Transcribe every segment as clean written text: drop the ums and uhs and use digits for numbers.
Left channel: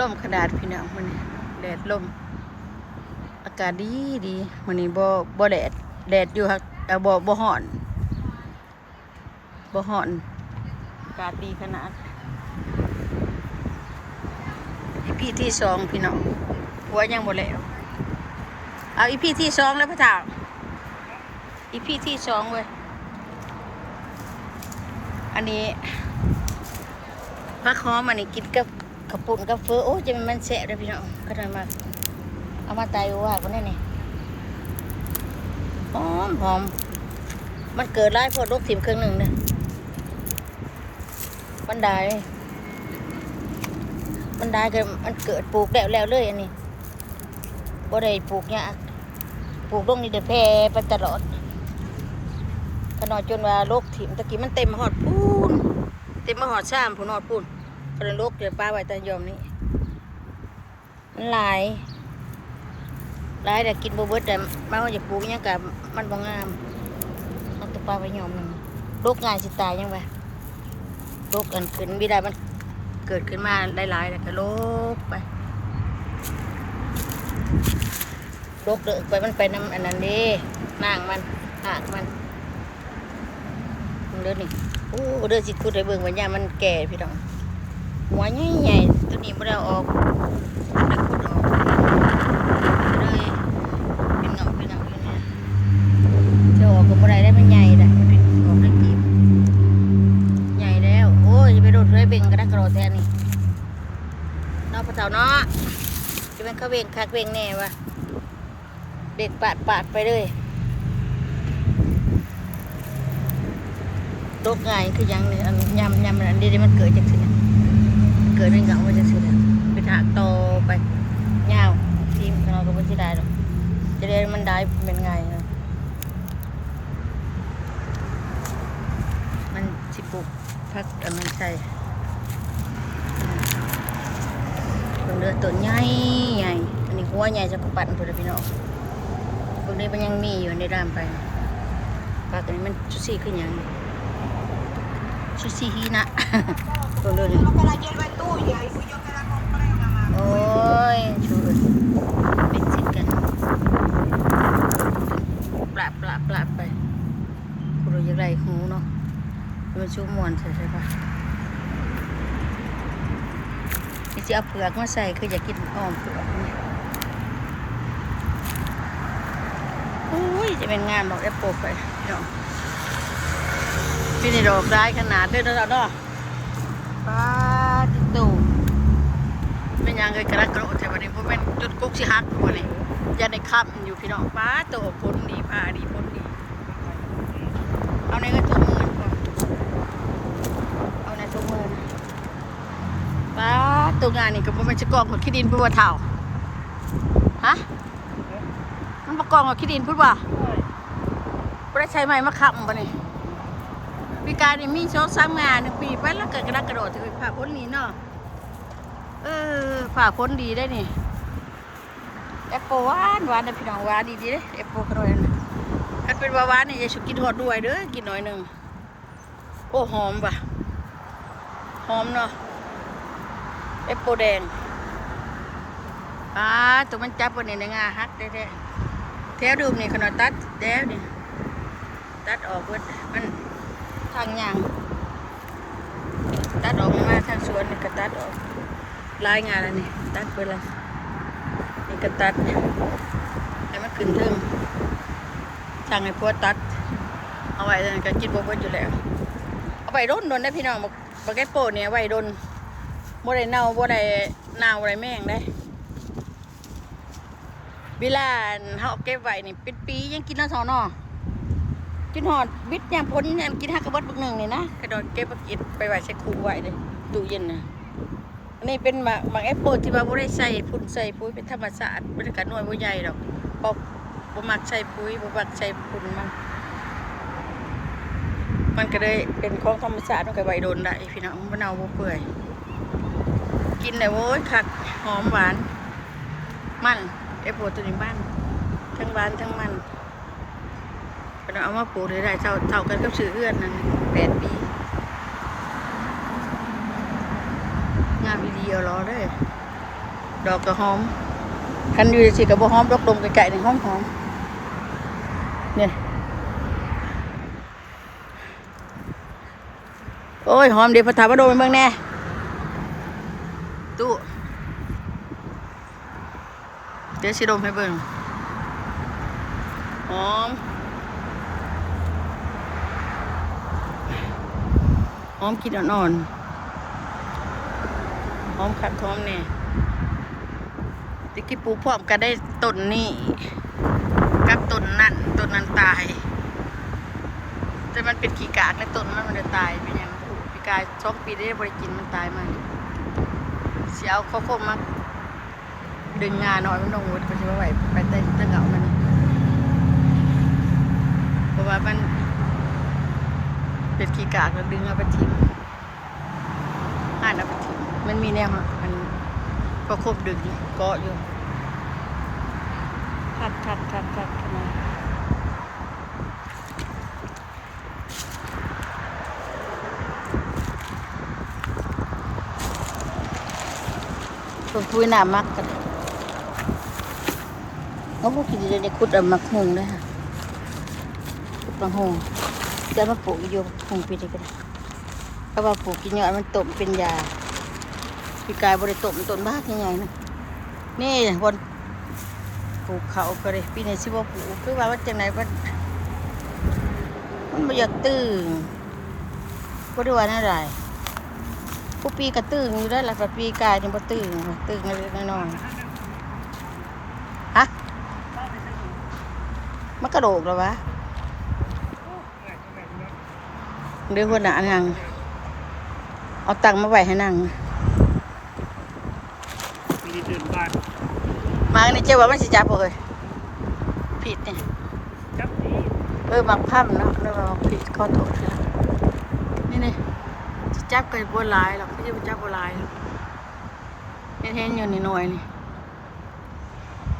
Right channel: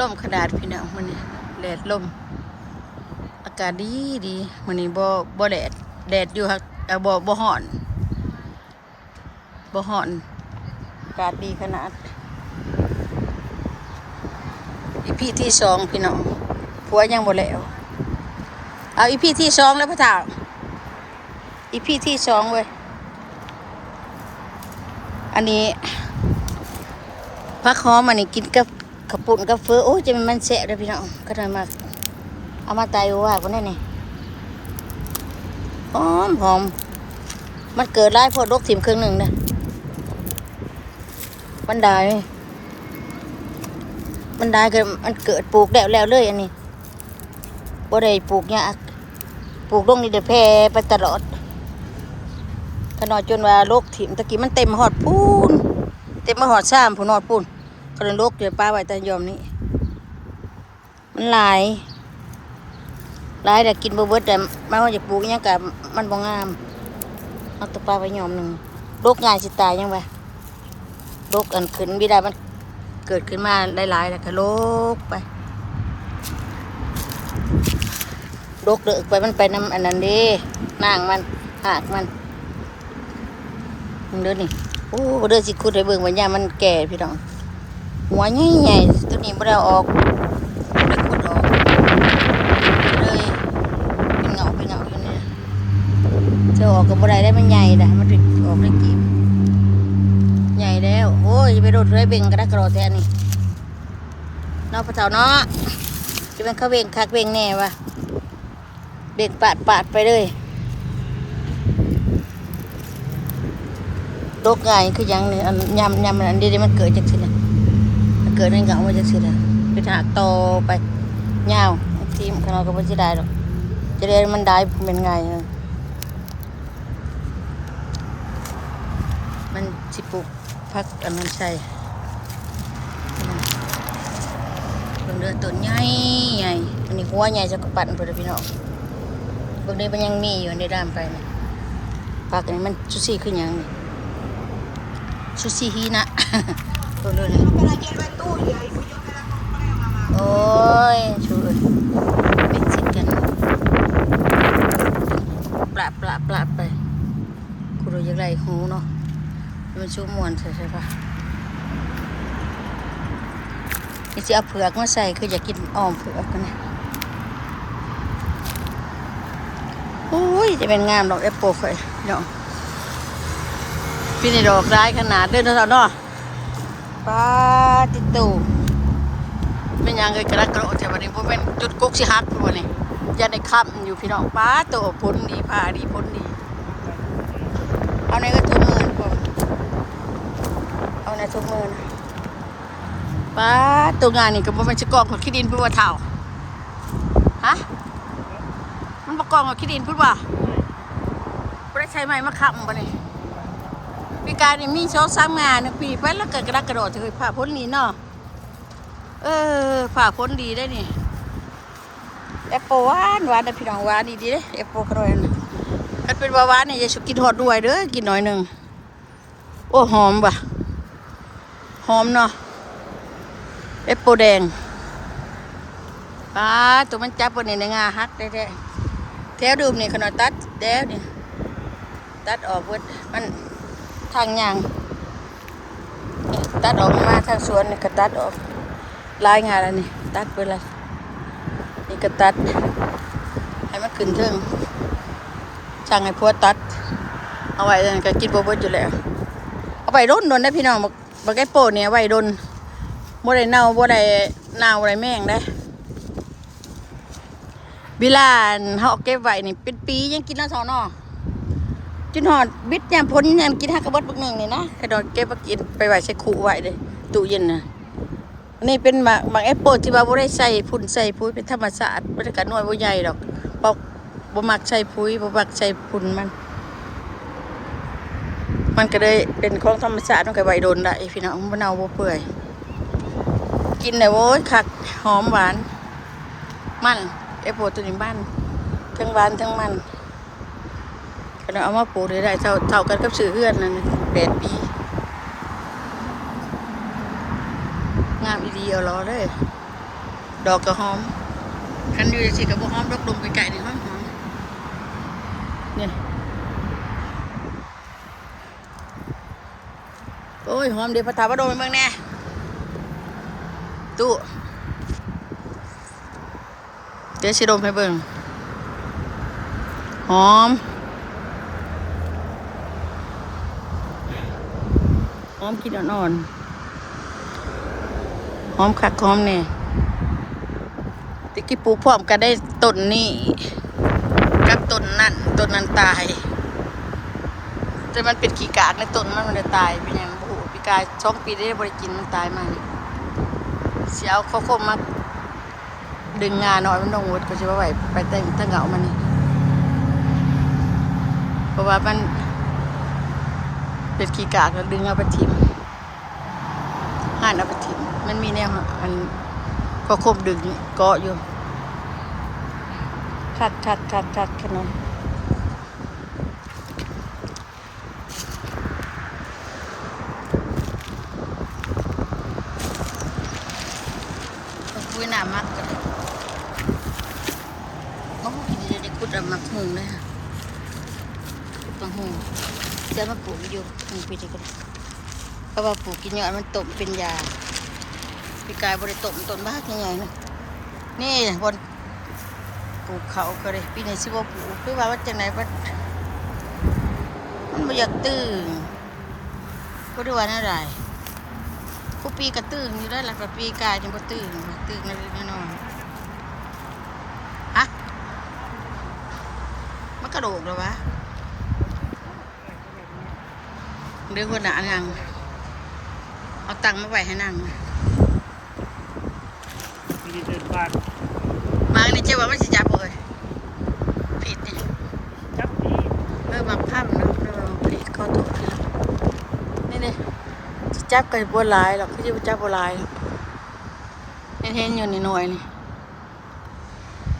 ลมขนาดพี่น้องมันแดดลมอากาศดีดีมันนี้บ่แดดอยู่ครับบ่ฮ้อนอากาศดีขนาดอีพีที่สองพี่น้องผัวยังบ่แล้วเอาอีพีที่สองแล้วพ่อเฒ่าอีพีที่สองเว้ยอันนี้ผักหอมอันนี้กินกับข้าวปุ้นกับเฟอโอ้จะมันแสะเลยพี่น้องก็ได้มากเอามาตายว่าคนนั้นนี่หอมมันเกิดร้ายพอรกถิ่มครึ่งหนึ่งเลยมันได้ก็มันเกิดปลูกแล้วเลยอันนี้บ่ได้ปลูกยากปลูกลงนี่เดี๋ยวแพร่ไปตลอดขนาดจนว่าโรคถิ่มตะกี้มันเต็มหอดปูนเต็มมาหอดซ้ำผู้นอดปูนก็เลยโรคเดี๋ยวป้าไว้แต่ยอมนี้มันหลายแต่กินบ่เบิดแต่มาว่าจะปลูกยังกับมันบ่งามเอาตัวปลาไว้ยอมหนึ่งโรคง่ายสิตายยังไงโรคอันขึ้นวิได้มันเกิดขึ้นมาหลายแล้วก็โรคไปโรคเดือดไปมันไปน้ำอันนั้นดินางมันหากมันเดือนี่โอ้เดือดสิคุดให้เบิ่งวันยามันแก่พี่น้องหัวใหญ่ตัวนี้ไม่ได้ออกไม่คุดออกเลยเป็นเงาอยู่นี่เธอออกกับบันไดได้มันใหญ่เลยมันออกได้กี่ใหญ่แล้วโอ้ยไปโดดเลยเบ่งกระดักกระโดดแทนนี่นอกพระเจ้าเนาะจะเป็นเขาเบ่งคักเบ่งแน่วะเบ่งปาดไปเลยโรคง่ายคือยังนี่ยำอันนี้มันเกิดจากสินะมันเกิดในเงามาจากสินะไปหักโตไปเงาทีมของเราก็ไม่ได้หรอกจะได้มันได้เป็นไงมันสิปลูกพักอันนั้นใช่ลงเรือต้นใหญ่อันนี้หัวใหญ่จะกระปั่นเพื่อนพี่น้องบางทีมันยังมีอยู่ในด้ามไปพักอันนี้มันชุซี่ขึ้นยังนี่ชุซี่ฮีนะลงเรือเนี่ยโอ้ยช่วยเป็นสิกันปลาไปกูรู้ยังไงหูเนาะมันชุ่มมวนใช่ปะนี่จะเอาเผือกมาใส่คืออยากกินอ้อมเผือกนี่โอ้ยจะเป็นงามดอกแอปเปิลไฟเนาะพี่นี่ดอกได้ขนาดเดินแล้วเนาะปลาติดตูเป็นยังไงกระดักกระโดดแต่วันนี้ผมเป็นจุดกุ๊กสิฮักตัวนี่ยันในค่ำอยู่พี่น้องปลาตัวพ้นดีพาดีพ้นดีเอาในก็ทุ่มเงินก่อนเอาในทุ่มเงินป้าตัวงานนี่ก็มันจะกองของขี้ดินพูดว่าเท่าฮะมันประกองของขี้ดินพูดว่าไม่ได้ใช้ไม้มะขามปะนี่วิการนี่มีช่อง3 งานปีไปแล้วเกิดกระดักกระโดดถือผ่าพ้นนี้เนาะผ่าพ้นดีได้นี่แอปเปิลหวานนะพี่น้องหวานดีเลยแอปเปิลกระโดดถ้าเป็นหวานนี่จะชุบกินทอดด้วยเด้อกินหน่อยหนึ่งโอ้หอมว่ะหอมเนาะแอปเปิลแดงตัวมันจับวันนี้ในงาฮักได้แถวดูนี่ขนาดตัดแถวนี่ตัดออกเวิดมันทางยางตัดออกมาทางสวนนี่ก็ตัดออกลายงานแล้วนี่ตัดไปเลยนี่ก็ตัดให้มันขึ้นเทิงช่างให้พัวตัดเอาไว้ก็กินบัวอยู่แล้วเอาไว้ร่นได้พี่น้องบักแอปเปิลเนี่ยไว้ร่นบ่ได้เน่าบ่ได้แม่งได้เวลาเขาเก็บไว้นี่เป็นปียังกินน้ำซอนอจนหอดบิดยามพ้นยามกินฮักกระเบิดบักหนึ่งเลยนะแต่ดอนเก็บมากินไปไว้ใส่ขู่ไว้เลยตู้เย็นนะอันนี้เป็นบางแอปเปิลที่ว่าบ่ได้ใส่พุ่นใส่ปุ๋ยเป็นธรรมชาติบรรยากาศน้อยบ่ใหญ่ดอกบ่มักใส่ปุ๋ยบ่มักใส่พุ่นมันก็เลยเป็นของธรรมชาติมันก็ไว้โดนได้พี่น้องบ่เน่าบ่เปื่อยกินเลยโว้ยคักหอมหวานมันแอปเปิลตัวนี้บ้านทั้งหวานทั้งมันก็เอามาปลูกได้เท่ากันกับซื้อเอื้อนนั่น8 ปีงามดีเอาล้อเลย ดอกกระหอมคันอยู่สิกับบ่หอมดอกดมไก่ๆนี่หอมเนี่ยโอ้ยหอมเดี๋ยวพระถามว่าโดนเบิ่งแน่ตู้เดี๋ยวสิดมให้เบิ่งหอมกินอ่อนๆหอมคักหอมนี่ตะกี้ปลูกพร้อมกันได้ต้นนี้กับต้นนั้นตายแต่มันเป็นขี้กากในต้นมันจะตายเป็นอย่างนั้นโอ้โหปีกาย2 ปีได้บริกินมันตายมันเสียเอาข้าวโพดมาดึงงาหน่อยมันลงวัดก็จะว่าไหวไปตั้งเหงามันนี่เพราะว่ามันเป็นขี้กากแล้วดึงเอาไปทิ้งห่านเอาไปทิ้งมันมีแนวอันข้าวโพดดึงเกาะอยู่ชัดขนาดคุยหนามักกันเขาพวกกินจะขุดเอามักหงเลยค่ะขุดมักหงจะมาปลูกอยู่หงปีนี้ก็ได้เพราะว่าปลูกกินเยอะมันต้มเป็นยาปีกายบริต้มต้นบ้าใหญ่ๆนะนี่บนปลูกเขาก็เลยปีนี้สิบ่ปลูกคือว่าจังไหนมันไม่อยากตื่นก็ได้ว่าอะไรผู้ปีก็ตื่นอยู่ได้หลักปีกายนี่บ่ตื่นเล็กน้อยฮะมันกระโดดแล้ววะเดี๋ยวคนหนานั่งเอาตังค์มาไว้ให้นั่งมาในเจ้าว่ามันสิจับเลยผิดเนี่ยหมักพั่มเนาะเราผิดข้อโทษพี่ละนี่จับกันบัวลายหรอกเขาจะจับบัวลายเห็นอยู่ในหน่วยนี่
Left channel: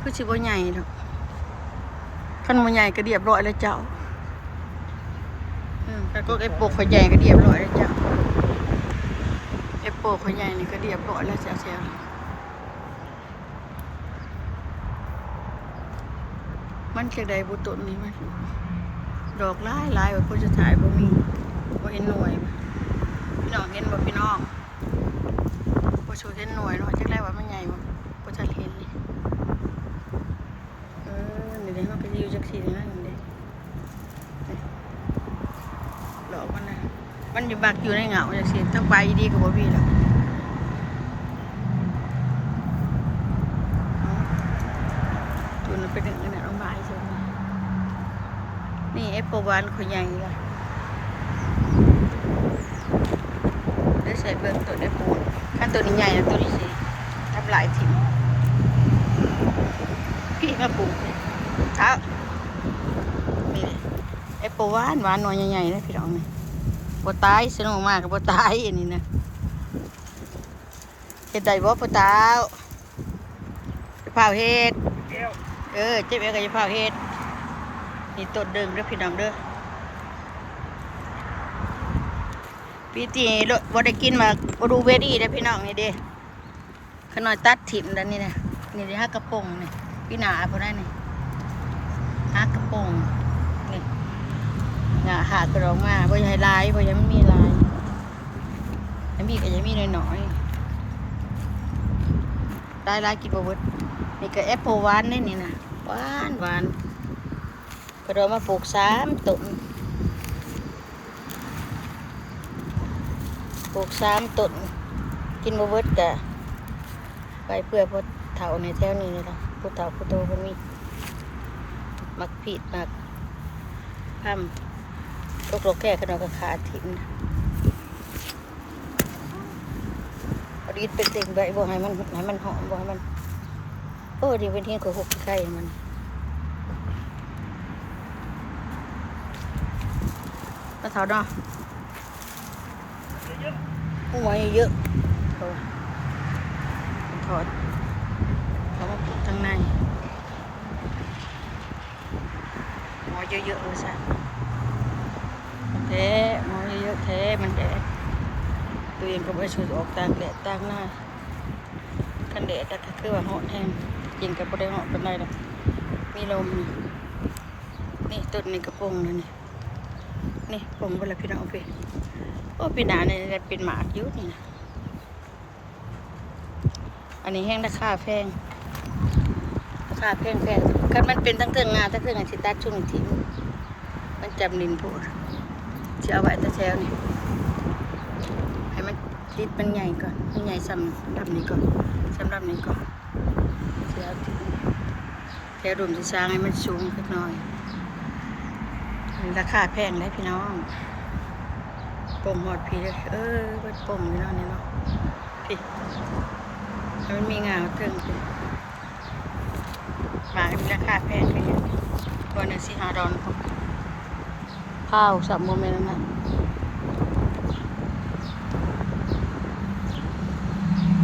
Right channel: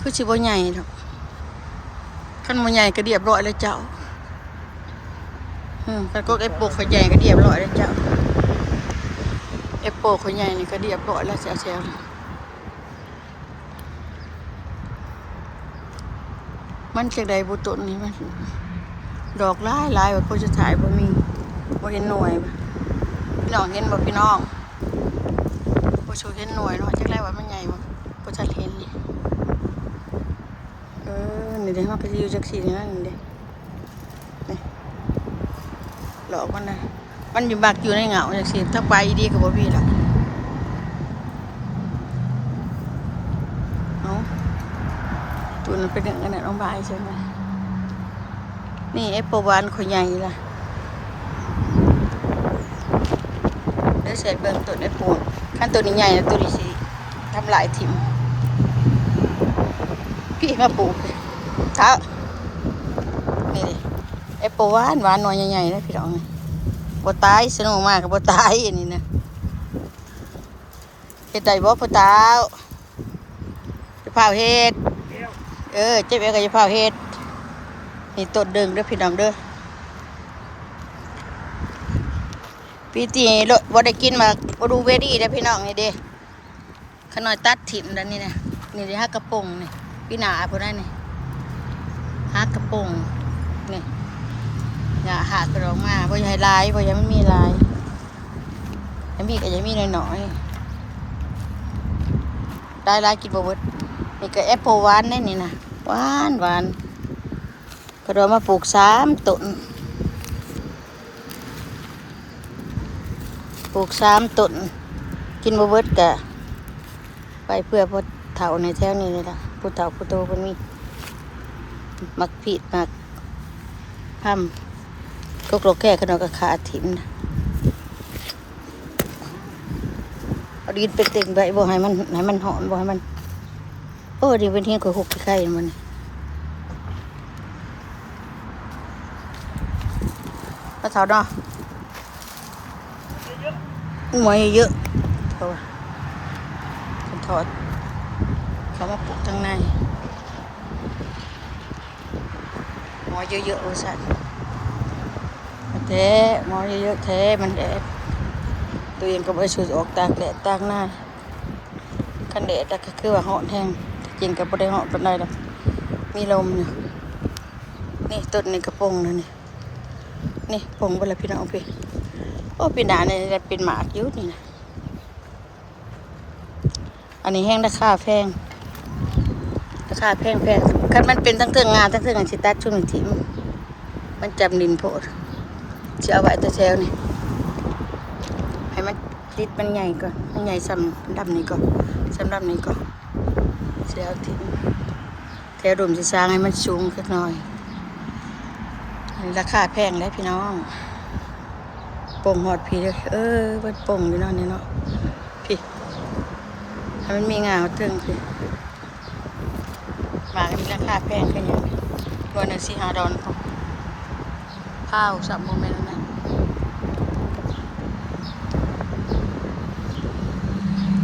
คือชิบัวใหญ่หรอกขั้นบัวใหญ่ก็เรียบร้อยแล้วเจ้ากันก็ไอ้โปกขใหญ่ก็เรียบร้อยแล้วเจ้าไอ้โปกขใหญ่นี่ก็เรียบร้อยแล้วเซลมันเชียงใดบุตรนี้มันดอกลายแบบพวกจะถ่ายบ่มีบ่เห็นหน่วยพี่น้องเห็นบ่พี่น้องบ่โชว์เห็นหน่วยเนาะจักแรกว่ามันใหญ่บ่บ่ชัดเห็นนี่นี่เด้มันก็อยู่จักซี่นะนี่เด้หลอกมันนะมันอยู่บักอยู่ในเหงาจังซี่ถ้าไปดีก็บ่มีล่ะตัวนั้นเป็นอย่างนั้นน้องบายใช่ไหมนี่แอปเปิลหวานขใหญ่ล่ะได้เสร็จเบิ่งตัวได้ปูนขั้นตัวนี้ใหญ่นะตัวนี้สิทำลายถิ่มพี่มาปลูกเท้านี่เลยแอปเปิลหวานหน่อยใหญ่ๆนะพี่น้องนี่บ่ตายสนุกมากกับบ่ตายอันนี้นะเฮ็ดได้บ่พ่อตาจะพาเฮ็ดเจ็บเอวก็จะพาเฮ็ดนี่ต้นเดิงเด้อพี่น้องเด้อปีที่บ่ได้กินมาบลูเบอรี่เด้อพี่น้องนี่เด้ขน่อยตัดถิ่มด้านนี้นะนี่ที่ฮักกระปงนี่พี่หนาพวกนั้นนี่ฮักกระปงนี่หนาหากกระดองมาบ่อยให้ลายบ่ยังไม่มีลายยังมีก็ยังมีน้อยลายกินบ่เบิดนี่ก็แอปเปิลหวานนี่นะหวานก็เรามาปลูก3 ต้นกินบ่เบิดกะไปเพื่อพอเฒ่าในแถวนี้นี่ล่ะผู้เฒ่าผู้โตเพิ่นมีมักผิดมักพั่มก็โกรธแก่ขนาดกับขาถิ่มเอาดินเป็นเต็งใบบ่ให้มันหอมบ่ให้มันดีเป็นเฮียก็หุกไข่มันก็เฒ่าเนาะหมวยเยอะถอดเขามาปลูกข้างในหมอเยอะๆสัตว์แท้หมอเยอะๆแท้มันแดดตัวเองก็ไปสูดออกตากแดดตากหน้าข กันแดดแต่ก็คือว่าเหาะแห้งจริงก็บ่ได้เหาะปานใดดอกมีลมอยู่นี่ต้นนี่กระโปรงนั่นนี่โปรงบ่ละพี่น้องพี่โอ้พี่หน้านี่ได้เป็นหมากอยู่นี่นะอันนี้แห้งราคาแพงคันมันเป็นทั้งเทิงงานทั้งเทิงอันสิตัดช่วงนี้ทิ้งมันจำดินโพดสิเอาไว้แต่แถวนี่ให้มันติดมันใหญ่ก่อนมันใหญ่ซ้ำดำนี้ก่อนซ้ำดำนี้ก่อนเสียทิ้งแถวดุมสิสร้างให้มันสูงขึ้นหน่อยราคาแพงแล้วพี่น้องโป่งหอดพี่เลยเป็นโป่งพี่น้องนี่เนาะพี่ให้มันมีงาเทิงพี่หมามีราคาแพงขึ้นตัวนั้นสิ$5พอข้าวสับโมเมนต์นั้น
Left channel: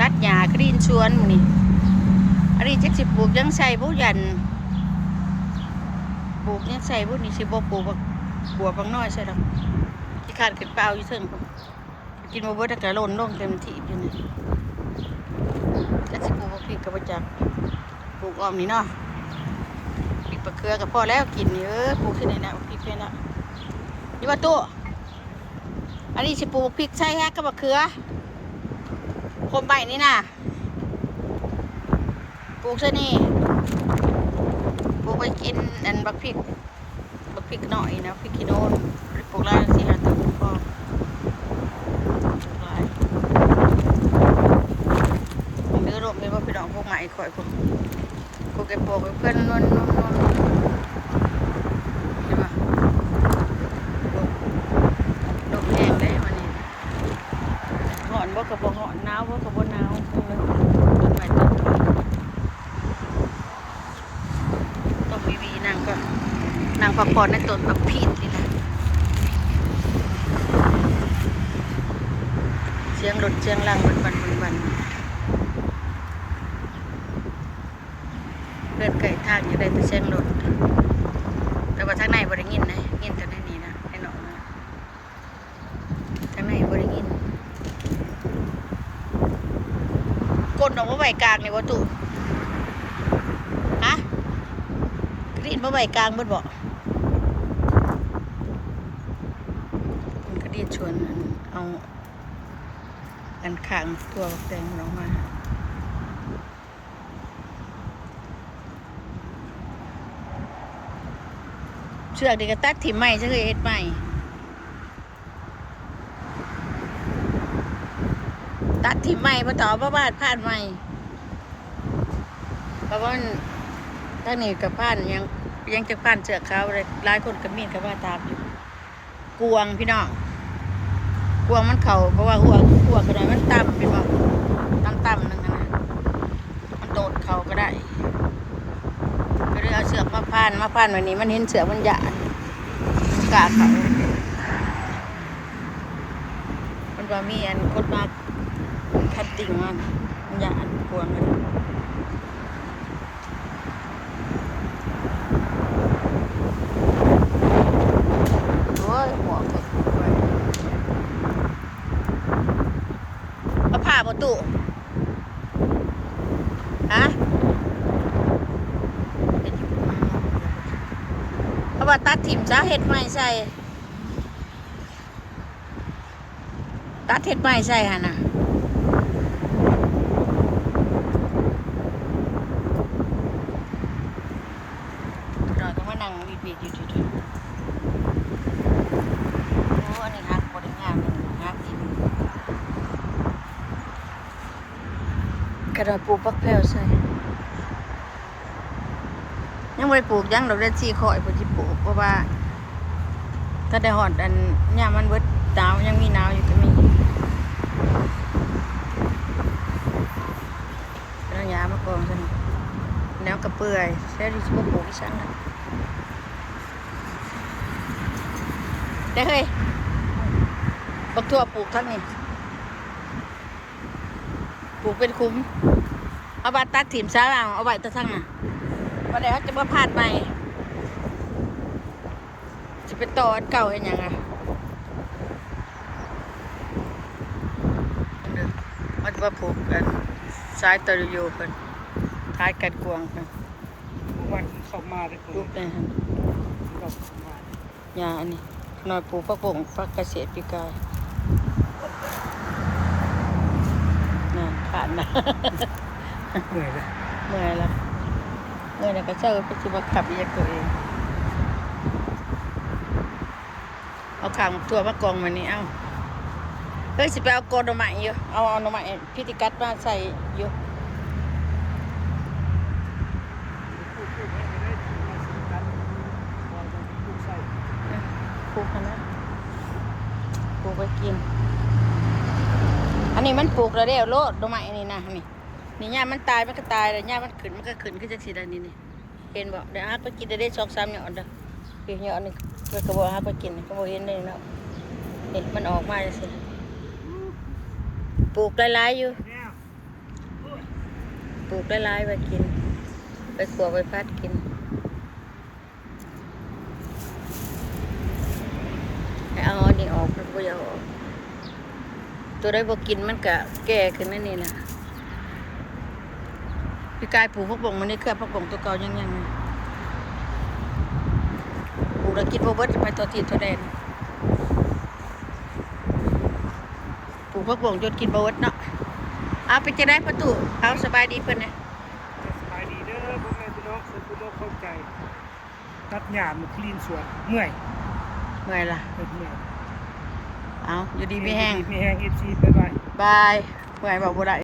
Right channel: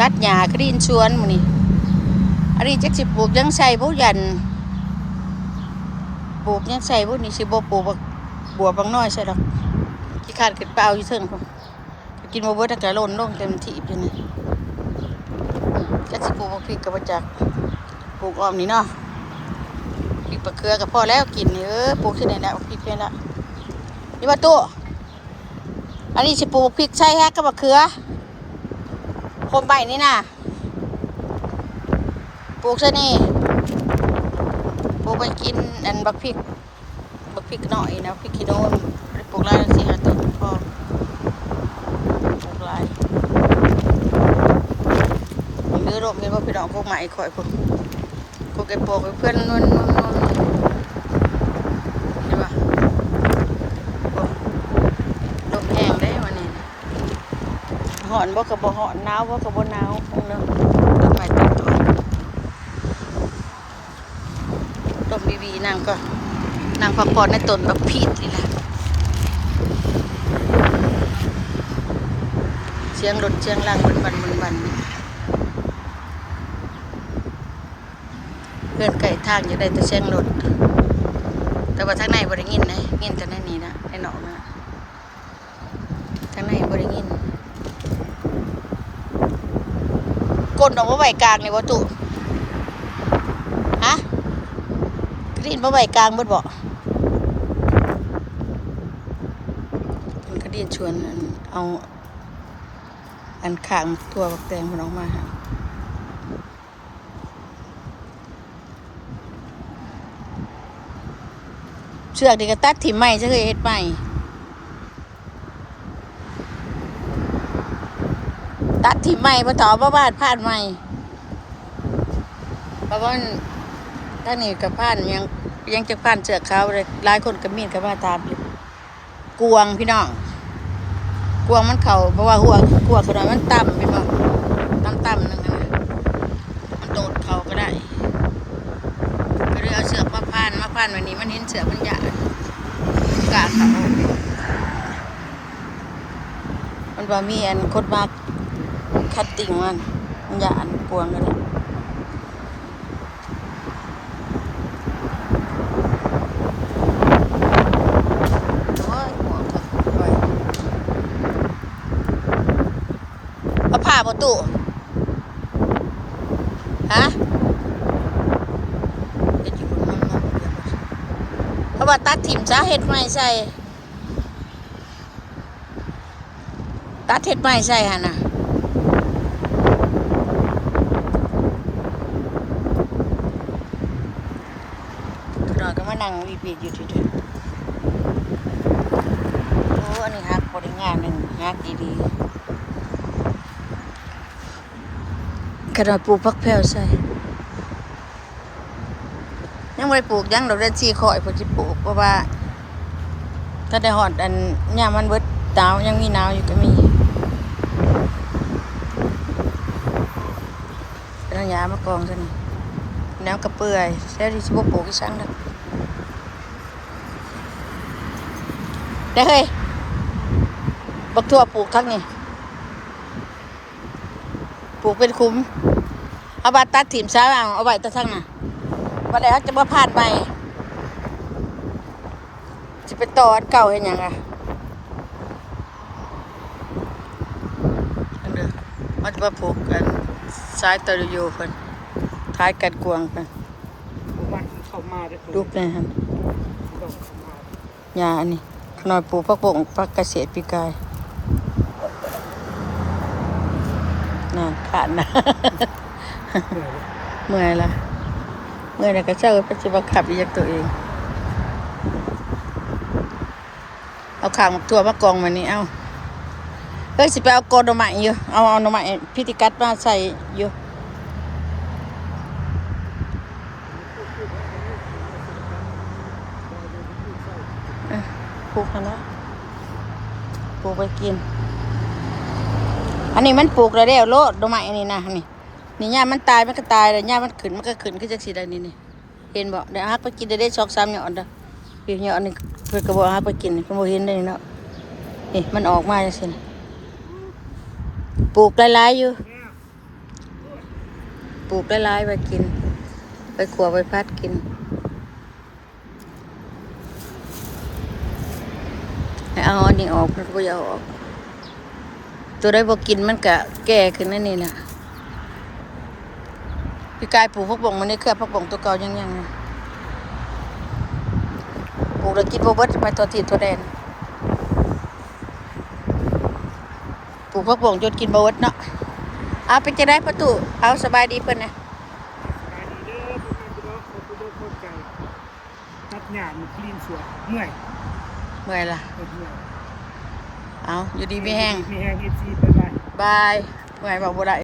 ตัดหญ้ากรีนชวนมื้อนี้อันนี้จักสิปลูกยังใส่บ่ยันปลูกยังใส่บ่นี่สิบ่ปลูกบัวบางน้อยใส่ดอกขี้ขาดขึ้นเปล่าอยู่เทิงพุ่นกินบ่เบิดก็หล่นลงเต็มที่อยู่นี่จักสิปลูกบ่พริกก็บ่จักปลูกอ้อมนี่เนาะพริกปลาเขือก็พอแล้วกินปลูกที่ไหนแล้วพริกแค่ละนี่ว่าตู้อันนี้สิปลูกพริกใช่ฮะกับมะเขือโคมใบนี่นะปลูกซะนี่ปลูกไปกินอันบักพริกหน่อยนะพริกขี้โนนปลูกลายสิฮะต้นพอปลูกลายเนื้อรวมเห็นว่าพี่น้องพวกใหม่ข่อยพวกเก็บปลูกเพื่อนนวลเห็นปะลมแห้งได้วันนี้หอนบ่กับบ่หอนหนาวบ่กับบ่หนาวต้นไม้ต้นถอยต้นวีนางก็นางพักผ่อนในต้นบักพีดนี่แหละเสียงรถเสียงล่างบันเพื่อนไก่ทางอยู่ได้แต่เสียงรถแต่ว่าทางในบ่ได้ยินนะยินแต่ในนี้นะในหนองนะทางในบ่ได้ยินก้นออกมาไว้กลางเลยวัตถุฮะกรีนมาไว้กลางบ่มันก็ดีชวนเอาอันข้างตัวแตงมันออกมาเชือกดีก็ตัดถิ่มใหม่จะเคยเฮ็ดใหม่ตัดถิ่มใหม่พอต่อบ้านผ่านใหม่เพราะว่าถ้านี่กับผ่านยังจะผ่านเชือกเขาเลยหลายคนก็มีกับว่าตามอยู่กวงพี่น้องกวงมันเข่าเพราะว่ากวงขนาดมันต่ำพี่น้องต่ำนั่นนะมันโดดเข่าก็ได้ก็เลยเอาเชือกมาผ่านวันนี้มันเห็นเสือกมันหยาดมันกาเขามันว่ามีอันคดมากคัดติ่งมันหยาดกวงกันโอ้ยหมวกไปเอาผ้าประตูฮะเพราะว่าตัดถิ่มซะเห็ดไม้ใส่ตัดเห็ดไม้ใส่ฮะนะหน่อยก็มานั่งวีดอยู่ทีโอ้อันนี้ฮักบริงานหนึ่งฮักดีๆกระดาษปลูกพักแพรวใส่ยังไม่ได้ปลูกยังเราได้ชีข่อยผมจะปลูกเพราะว่าถ้าได้หอดอันเนี่ยมันเบิดหนาวยังมีหนาวอยู่ก็มีเป็นระยะมากองซะนี่แนวกระเปื่อยแค่ที่จะปลูกที่ชั้นนะได้เฮ้ยบักทั่วปลูกทั้งนี้ปลูกเป็นคุ้มเอาบาตัดถิ่มซ้ายเอาไว้ตะทั้งน่ะวันไหนเขาจะมาผ่านไปจะไปต่ออันเก่าเห็นยังไงมันจะมาผูกกัน สายตะลุโยเพิ่นท้ายกันกวางเพิ่น เมื่อวันเข้ามาเด้อ ลูกนี่ฮะ ต้องเข้ามา ยาอันนี้ขนอยปลูกผักบงผักเกษตรปีกายนั่นขาดนะ เหนื่อยเลย เมื่อยละเมื่อยแล้วก็เจ้าก็จะบังคับอีกตัวเองเอาข่างตัวมากองมานี่เอาเฮ้ยสิไปเอาโกนหน่อไม้อยู่เอาหน่อไม้พิธีกัดมาใส่อยู่ปลูกให้น้อยปลูกไปกินอันนี้มันปลูกแล้วโลดหน่อไม้อันนี้นะนี่ย่ามันตายมันก็ตายเลยย่ามันขึ้นคือจังสีใดนี่เห็นบ่เดี๋ยวฮักไปกินได้2-3หยอดเด้อพี่หยอดนี่เพิ่นก็บ่ฮักไปกินก็บ่เห็นได้เนาะนี่มันออกมาจังซี่นี่ปลูกหลายๆอยู่ปลูกหลายๆไว้กินไปขัวไปพัดกินให้เอาอันนี้ออกมันก็บ่อยากออกตัวได้บ่กินมันก็แก่ขึ้นนั่นนี่แหละพี่กายปลูกผักบงมันนี่เครือผักบงตัวเก่ายังๆเลยปลูกแล้วกินบ่เบิดมาตัวติดตัวแดนปลูกผักบงจนกินบ่เบิดเนาะเอาไปจะได้ประตูเอาสบายดีเพิ่นนะ สบายดีเด้อพ่อแม่พี่น้องสุขทุกเข้าใจตัดหญ้ามันคลีนสวนเมื่อย เมื่อยล่ะ เมื่อย เอาอยู่ดีไม่แห้ง มีแห้ง FC บ๊ายบาย บายเมื่อยบอกบ่ได้